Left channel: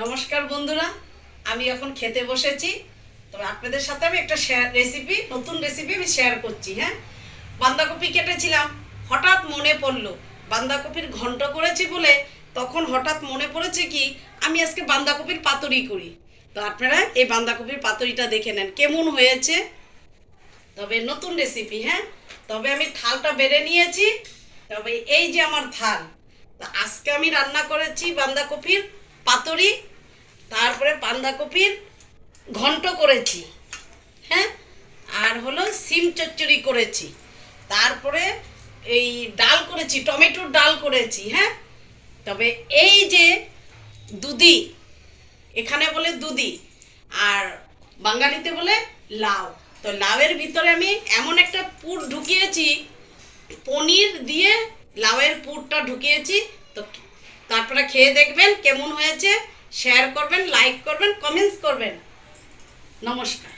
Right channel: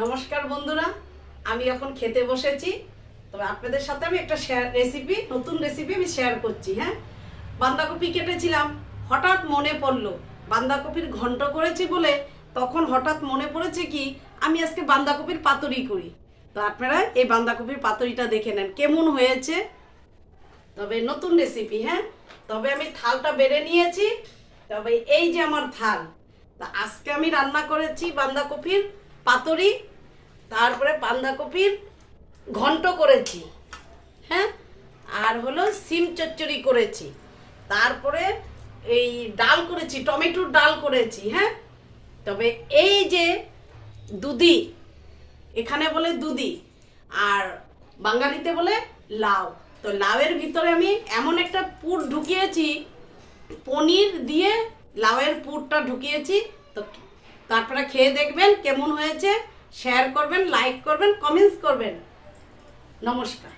নমস্কার বন্ধুরা, আমি এখন খেতে বসেছি। তবে আপনাদের সাথে আমি একটা নতুন রেসিপি আমি শেয়ার করছি। হ্যাঁ, বাঁধাকপি কেটেছিলাম, হঠাৎ মনে পড়লো বাঁধাকপির ঘন্ট করেছি বলে, তখন হঠাৎ মনে পড়েছে কি আমি আজকে বাঁধাকপির পাতুরি করি। তো আপনারা এই বাঁধাকপির পাতুরিটা দেখে নেন কেমন হয়েছে। তবে নতুন রেসিপি। হ্যাঁ, তবে আমি থালটা বেড়ে নিয়েছি। তবে এই যে আমার থাল, তা আজকে আমি রান্না করেছি বাঁধাকপির পাতুরি, তারপরে বাঁধাকপির ঘন্ট করেছি। হ্যাঁ, আর হলো সিম চচ্চড়ি করেছি, তারপরে এই ডাল করেছি, টমেটোর ডাল করেছি। হ্যাঁ, তবে এই যে দুধি, এখানে বলে দুধি, আর বাঙালিতে বলে লাউ। তো লাউয়ের ভিতরে আমি এমন একটা পুর ঢুকিয়েছি, পনির দিয়ে লাউয়ের পুরটা ঢুকিয়েছি। তো তারপরে খেয়ে দেখবেন কেমন হয়েছে, শেয়ার করবেন, লাইক করবেন, কমেন্টস করবেন। নমস্কার।